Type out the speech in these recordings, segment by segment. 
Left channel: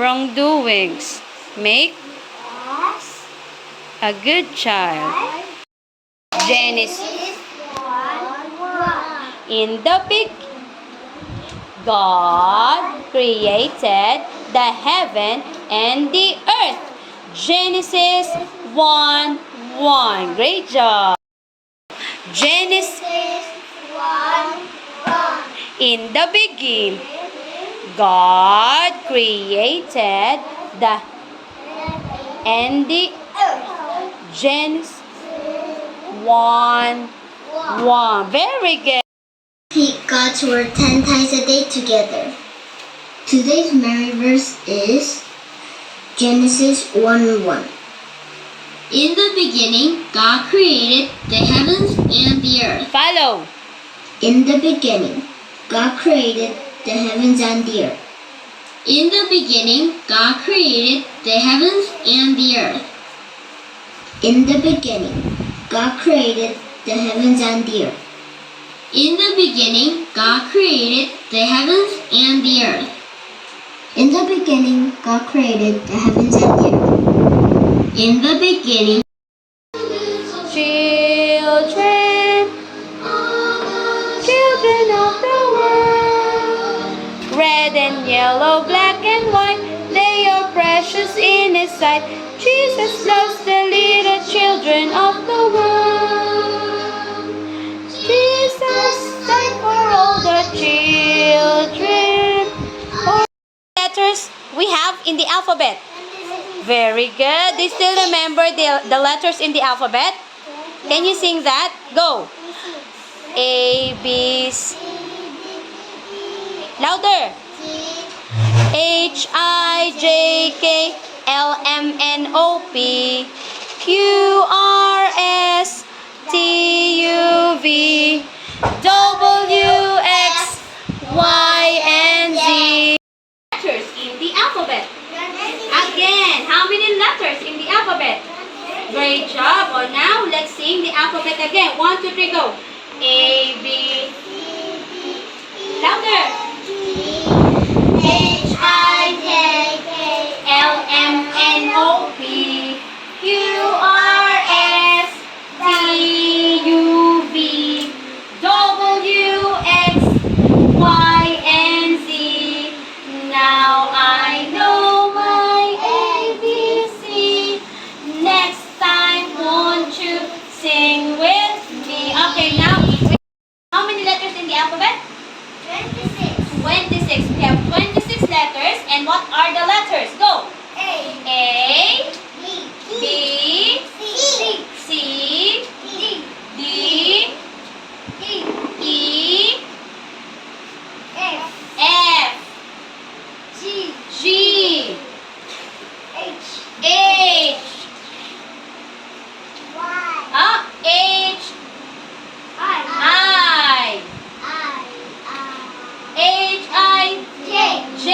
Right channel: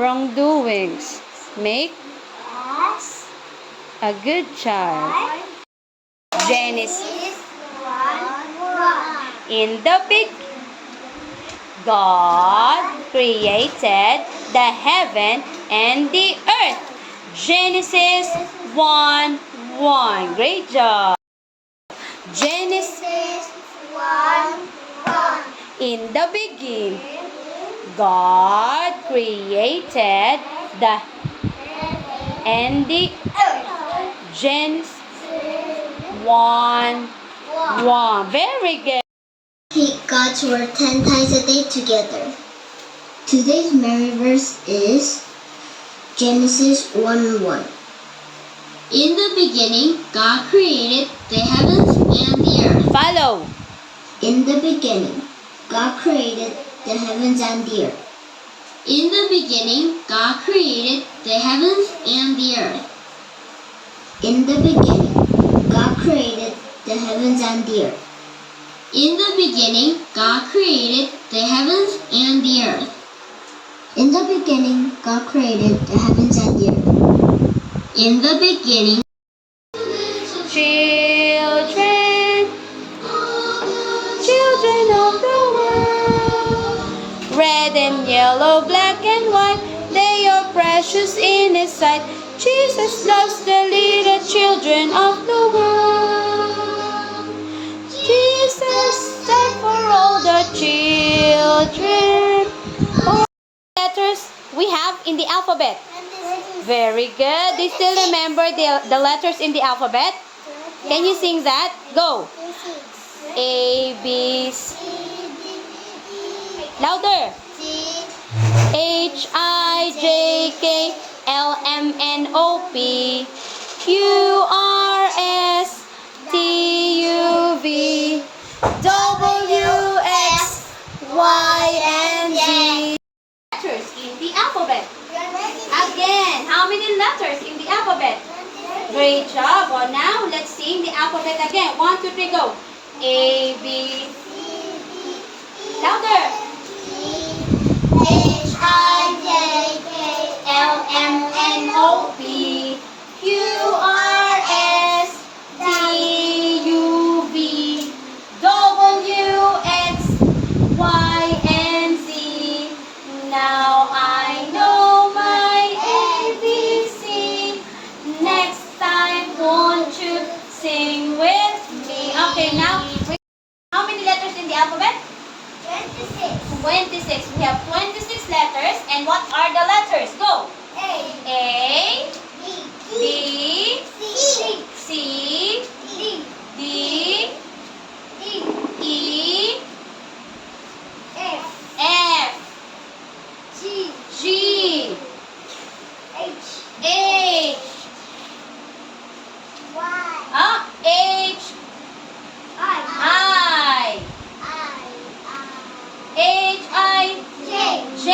Wrongdoings make a good child. Genesis. In the beginning, God created the heaven and the earth. Genesis 1:1. Great job. Genesis 1:1. In the beginning, God created the and the Genesis 1:1. Very good. Repeat God's word 10 times a day together. Today's memory verse is Genesis 1:1. In the beginning, God created the heavens and the earth. Follow. In the beginning, God created the heavens and the earth. In the beginning, God created the heavens and the earth. In the beginning, God created the heavens and the earth. In the beginning, God created the heavens and the earth. In the beginning, God created the heavens and the earth. In the beginning, Children of the world, red and yellow, black and white, they are precious in His sight. Jesus loves the little children of the world. Jesus died for all the children. All letters we have in the alphabet. Very good. Do you still remember the letters in the alphabet? Can you sing that? Go. A, B, C. Louder. H, I, J, K, L, M, N, O, P, Q, R, S, T, U, V, W, X, Y, and Z. Letters in the alphabet. Again, how many letters in the alphabet? Great job. Well, now let's sing the alphabet again. 1, 2, 3, go. A, B. Louder. H, I, J, K, L, M, N, O, P, Q, R, S, T, U, V, W, X, Y, and Z. Now I know my ABC. Next time, won't you sing with me? Okay, now, how many letters in the alphabet? 26. 26. We have 26 letters. And what are the letters? Go. A, B, C, D, E, F, G, H, H, I, H, I, J,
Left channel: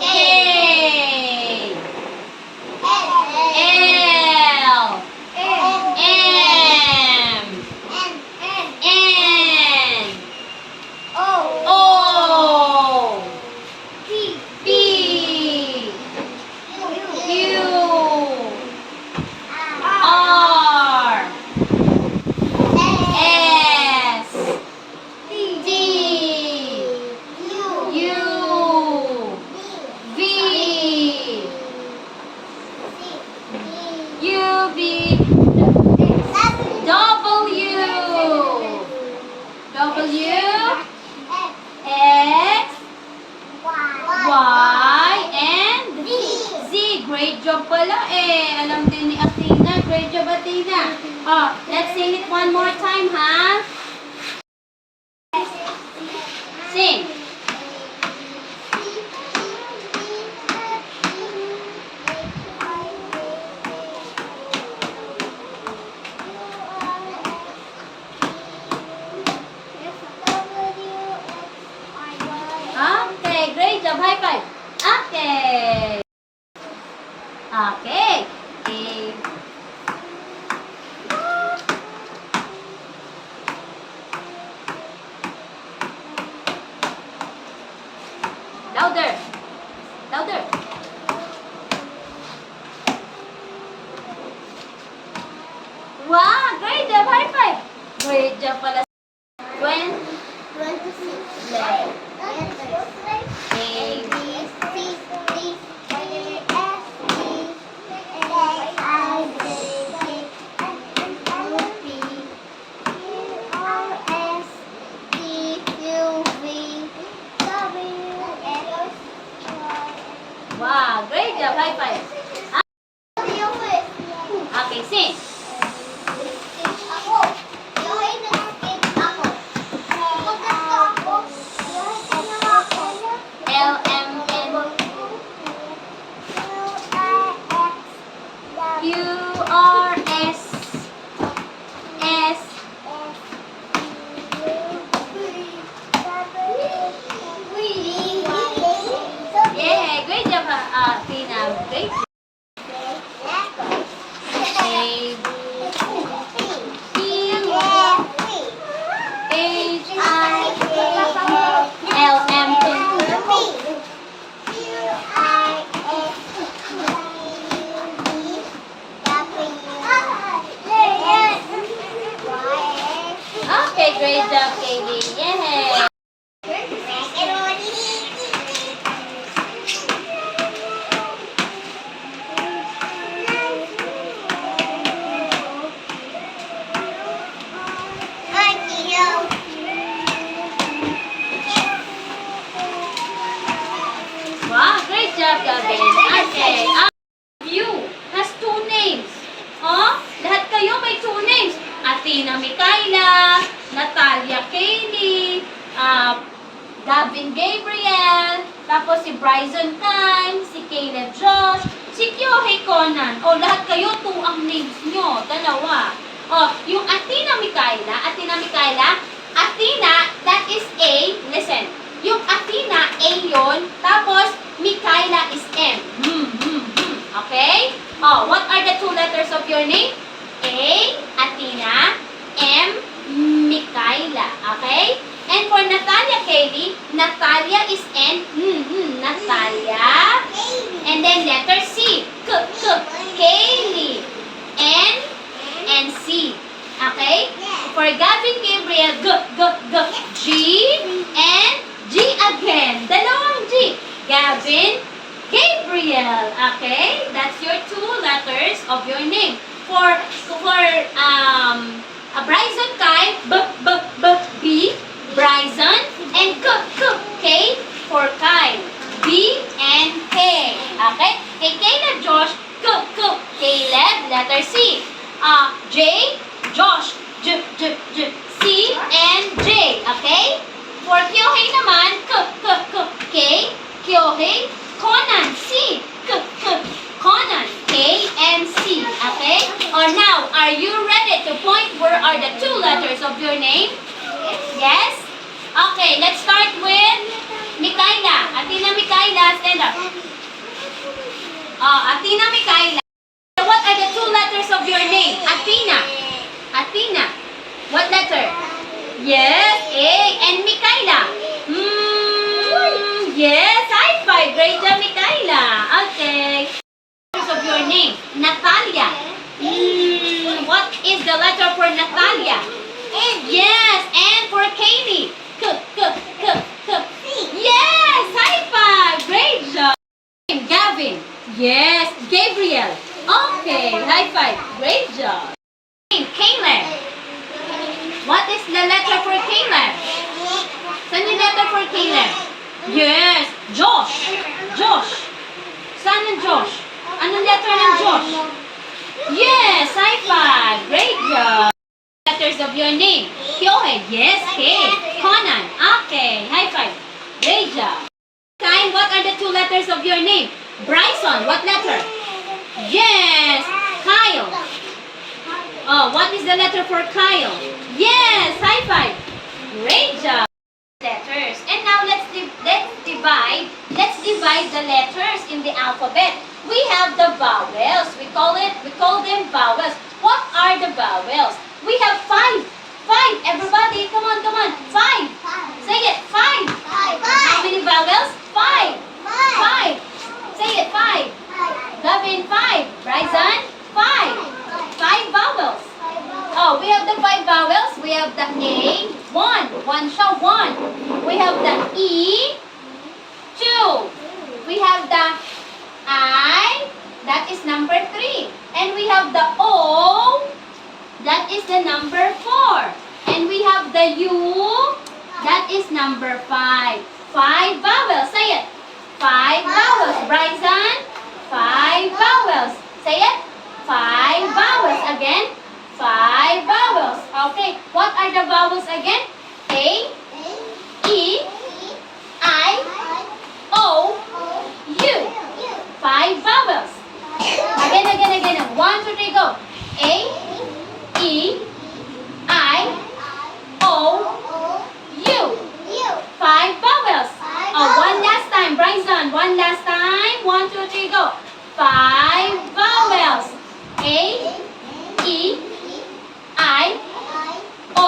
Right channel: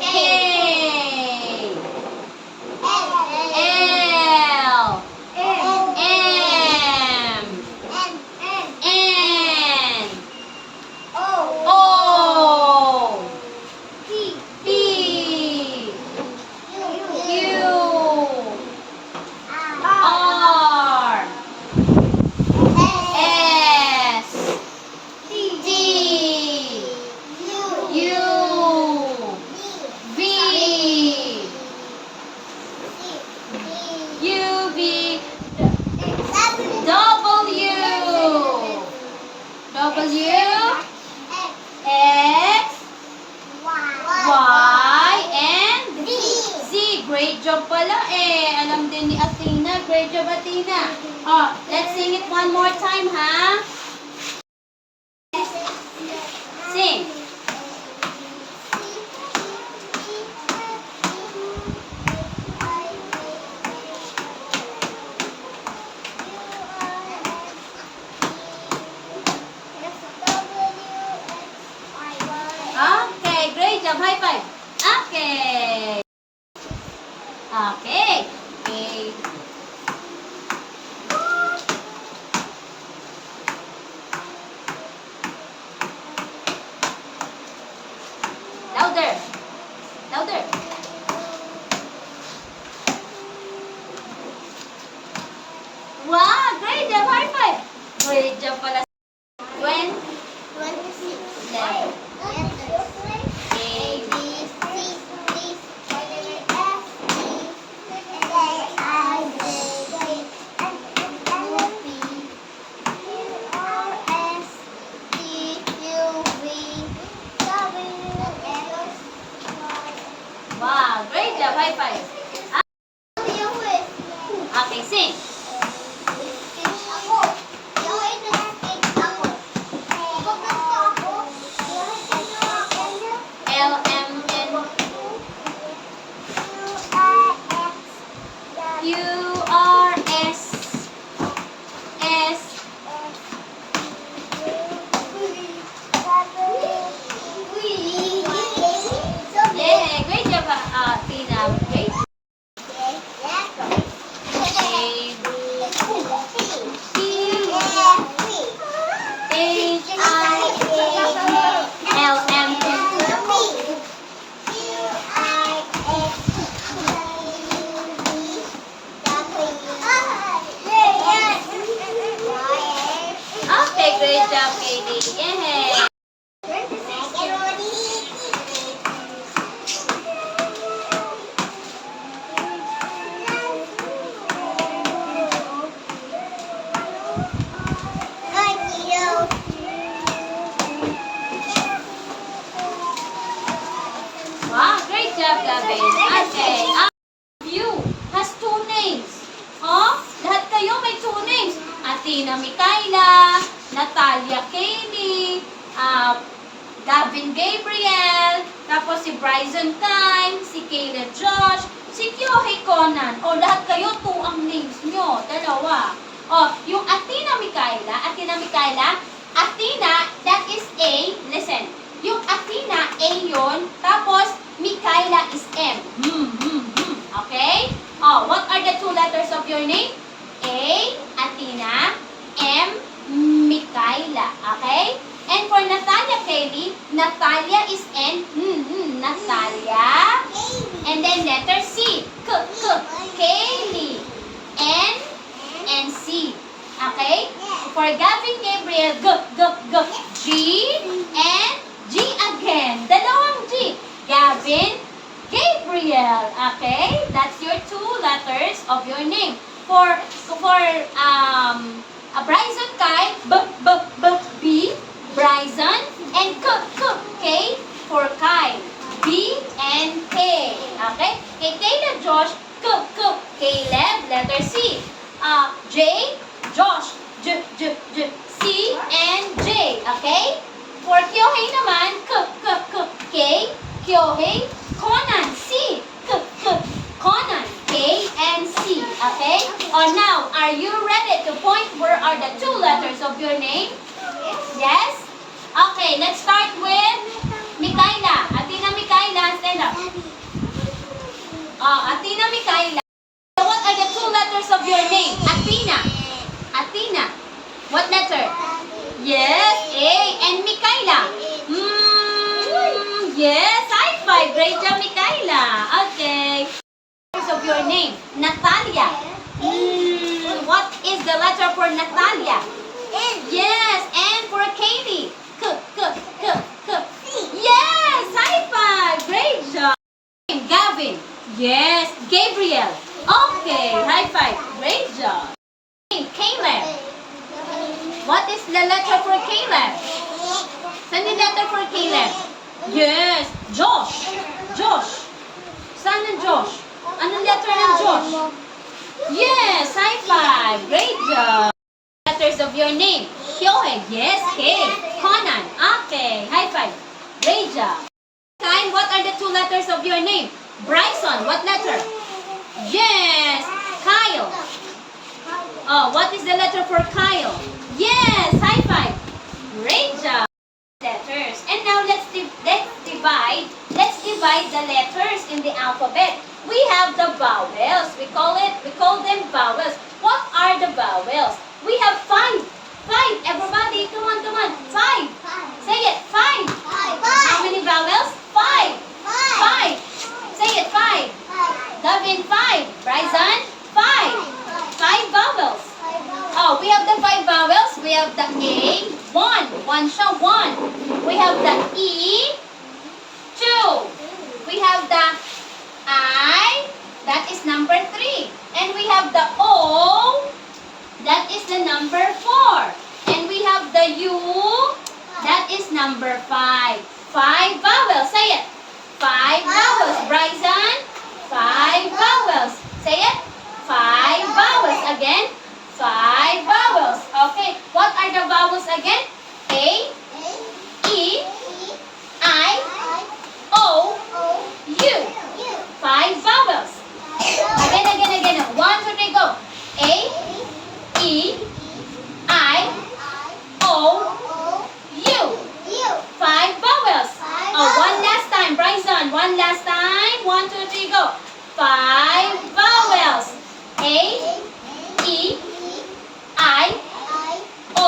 K, L, M, N, O, P, Q, R, S, T, U, V, U, V, W, X, Y, and Z. Great job pala eh. Alam din ni Athena. Great job, Athena. Oh, let's sing it one more time, ha? Sing. Okay, great job. High five. Okay. Okay. A. Louder. Louder. Wow, great job. High five. Great job pala. 20. 26. Letter. A. A, B, C, D, E, F, G, H, I, J, K, L, M, N, P, Q, R, S, T, U, V, W, X, Y. Wow, great job. High five. Okay, sing. Ako. Yung ay nag-skate ako. Ako. L, M, N, Q, R, S, S. Yeah, great job, Tina. Great. A, Q, H, I, L, M, N. Okay, great job, Katie. Yeah. Wow, great job, Gavin. Okay. You has two names. Huh? Lahat kayo may two names. Athena Mikaela, Natalia Kaylee, Gavin Gabriel, tapos si Bryson Time, si Caleb Josh, si Kyohei Conan. O, lahat kayo, two ang names nyo. Dalawa. O, yung Athena Mikaela, Athena, that is A. Listen. Yung Athena, A yun. Tapos, Mikaela is M. Okay? Oh, what are the two letters of your name? A, Athena, M, Mikaela. Okay? And for Natalia Kaylee, Natalia is N, Natalia. And then letter C, Kaylee, N, and C. Okay? For Gavin Gabriel, G, and G again. Dalawang G. Gavin Gabriel. Okay? That's your two letters of your name. For Bryson Kai, B, Bryson, and K for Kai. B and K. Okay? Kay Caleb Josh, Caleb, letter C. J, Josh, J, C, and J. Okay? For Kyohei naman, K, Kyohei, Conan, C, Conan, K, and C. Okay? Or now, are you ready to point where are the two letters of your name? Yes? Okay, let's start with Mikaela. Athena Mikaela, stand up. Athena Mikaela. What are the two letters of your name? Athena. Athena. What letter? Yes, A. And Mikaela. Yes, high five. Great job, Mikaela. Okay. Letters of your name. Natalia. What is the letter for Natalia? N. Yes, and for Kaylee. Yes, high five. Great job. Gavin. Yes, Gabriel. Okay, high five. Great job. Caleb. What is the letter for Caleb? Saan yung letter for Caleb? Yes, Josh. Josh. Saan ng Josh? Anong letter ng Josh? Yes, high five. Great job. Letters of your name. Kyohei. Yes, K. Conan. Okay, high five. Great job. Time, what are the two letters of your name? Bryson. What letter? Yes, Kyle. Oh, what is the letter for Kyle? Yes, high five. Great job. Letters. And now let's divide the letters in the alphabet. we have the vowels. We call them vowels. What are the vowels? We have five. Five. Everybody, come on. Five. Say it. Five. How many vowels? Five. Five. Say it. Five. Gavin, five. Bryson, five. Five vowels. Oh, we have the five vowels. We have the A, one. One siya, one. We have the E, two. We have the I, that is number 3. And we have the O, that is the number 4. And we have the U, that is number 5. 5 vowels. Say it. 5 vowels. Bryson, 5 vowels. Say it. 5 vowels. Again, 5 vowels. Okay, what are the vowels again? A, E, I, O, U. 5 vowels. Again. 1, 2, 3, go. A, E, I, O, U. 5 vowels. Oh, one last time. Bryson, one last time. 1, 2, 3, go. 5 vowels. A, E, I, O,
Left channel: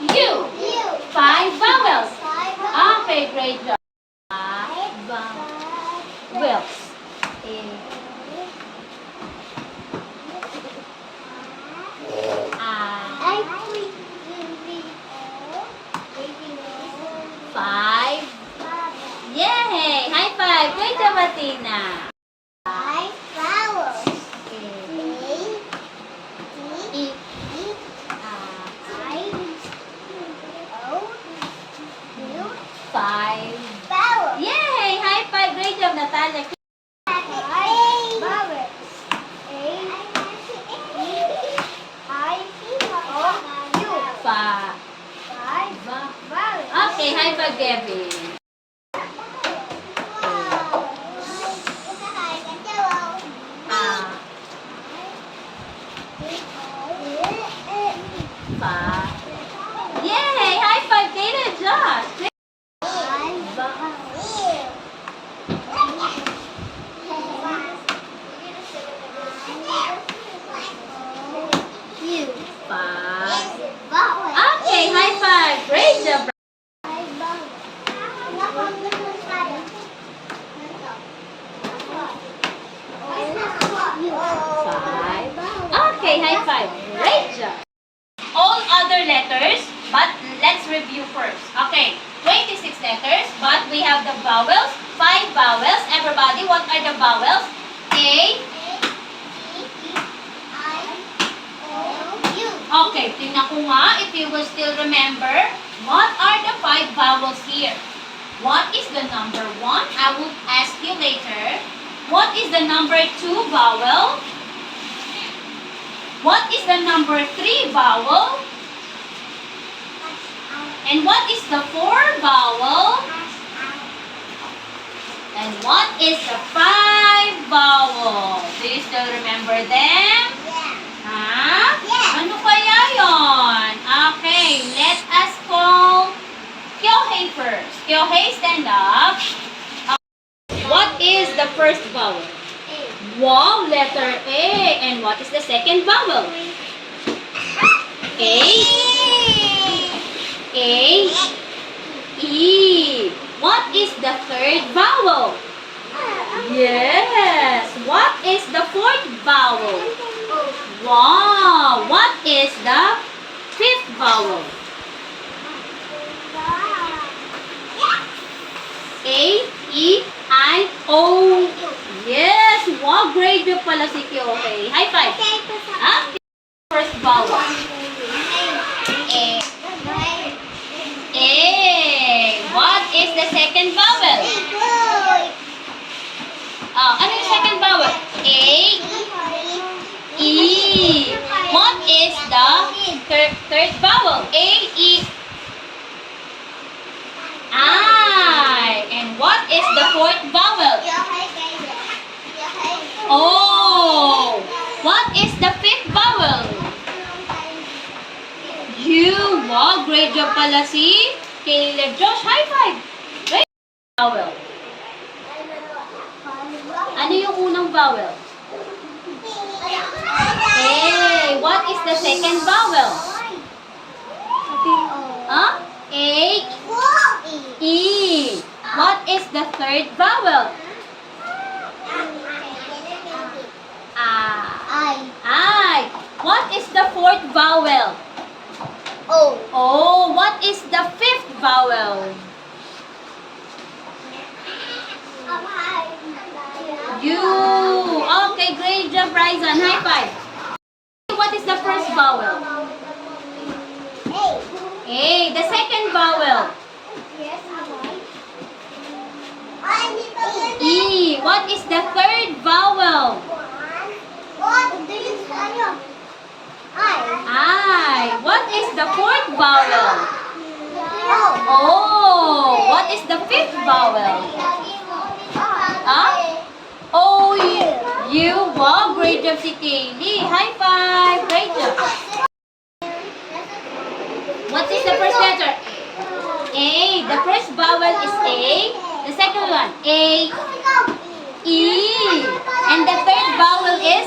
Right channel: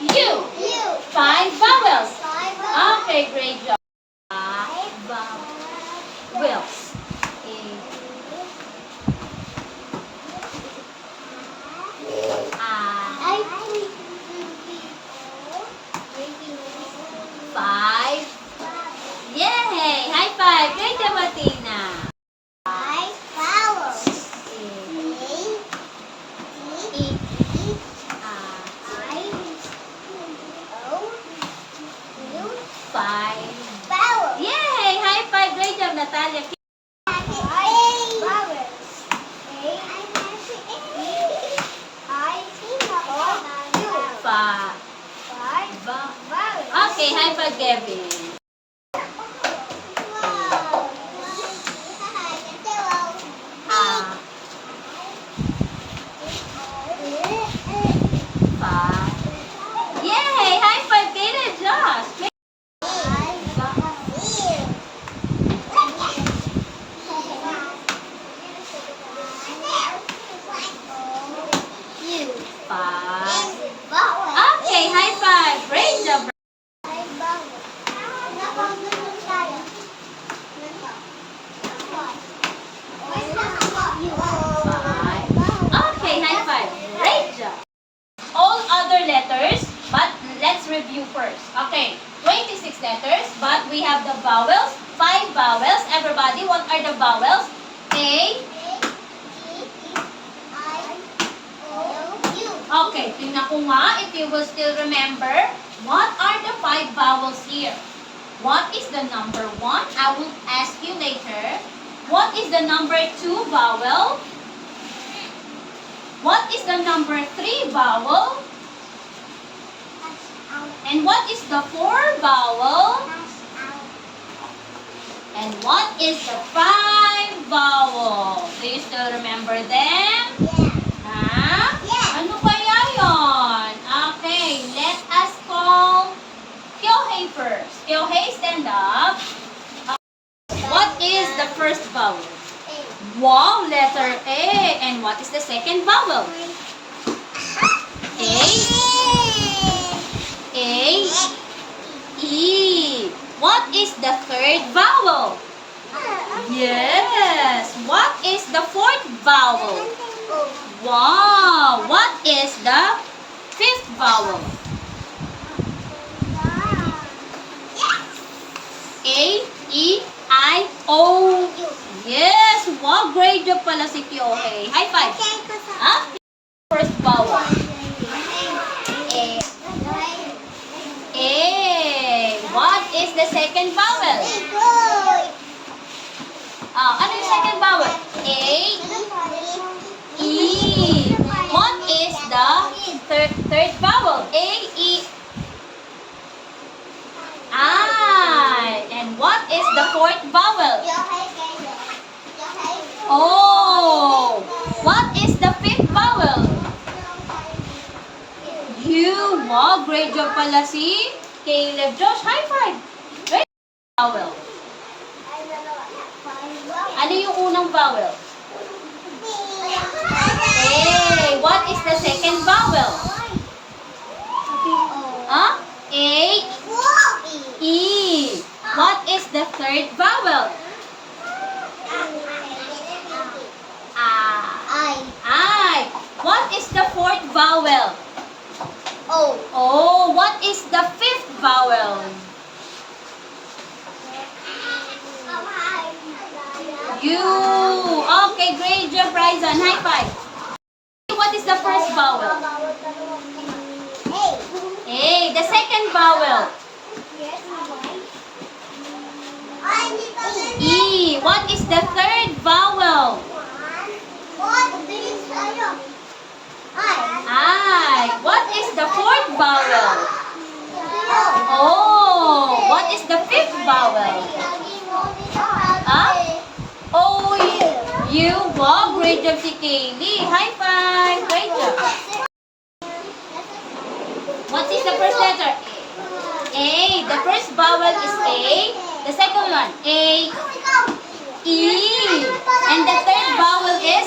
U. 5 vowels. Okay, great job. 5 vowels. Five. Yay! High five! Great job, Athena. E. Five. Yay! High five! Great job, Natalia. Five. Okay, high five, Gavin. Five. Yay! High five, Kayla and Josh. Great. Five. Okay, high five. Great job. Five. Okay, high five. Great job. All other letters, but let's review first. Okay, 26 letters, but we have the vowels. 5 vowels. Everybody, what are the vowels? A. Okay, tingnan ko nga if you will still remember. What are the 5 vowels here? What is the number 1? I will ask you later. What is the number 2 vowel? What is the number 3 vowel? And what is the 4 vowel? And what is the 5 vowel? Do you still remember them? Ha? Ano kaya yon? Okay, let us call Kyohei first. Kyohei, stand up. What is the first vowel? Wow, letter A. And what is the second vowel? A. A. E. What is the third vowel? Yes. What is the fourth vowel? Wow. What is the fifth vowel? A, E, I, O. Yes. Wow, great job pala si Kyohei. High five. Ah, first vowel. A. A. What is the second vowel? Ano yung second vowel? A, E. What is the third vowel? A, E, I. And what is the fourth vowel? Oh. What is the fifth vowel? U. Wow, great job pala si Caleb. Josh, high five. Great vowel. Ano yung unang vowel? A. What is the second vowel? Huh? A. E. What is the third vowel? I. What is the fourth vowel? Oh, what is the fifth vowel? U. Okay, great job, Ryzan. High five. What is the first vowel? A. The second vowel? E. What is the third vowel? I. What is the fourth vowel? Oh, what is the fifth vowel? O. U. Wow, great job si Kaylee. High five. Great job. What is the first letter? A. The first vowel is A. The second one, A. E. And the third vowel is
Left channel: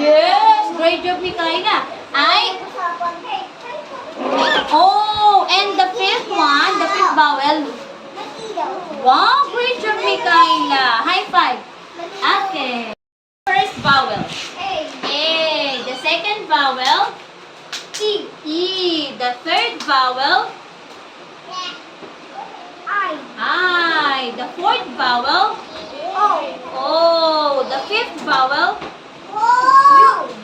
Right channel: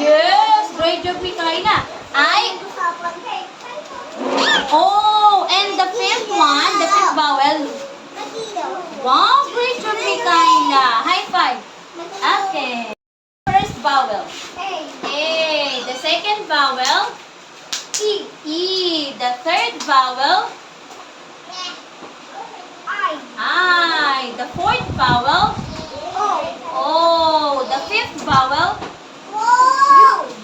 yes, great job, Mikaela. I. Oh, and the fifth one, the fifth vowel. Wow, great job, Mikaela. High five. Okay. First vowel. A. The second vowel. E. The third vowel. I. The fourth vowel. Oh. The fifth vowel.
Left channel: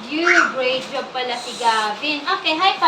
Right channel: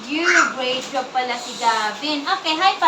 You. Great job pala si Gavin. Okay, high five.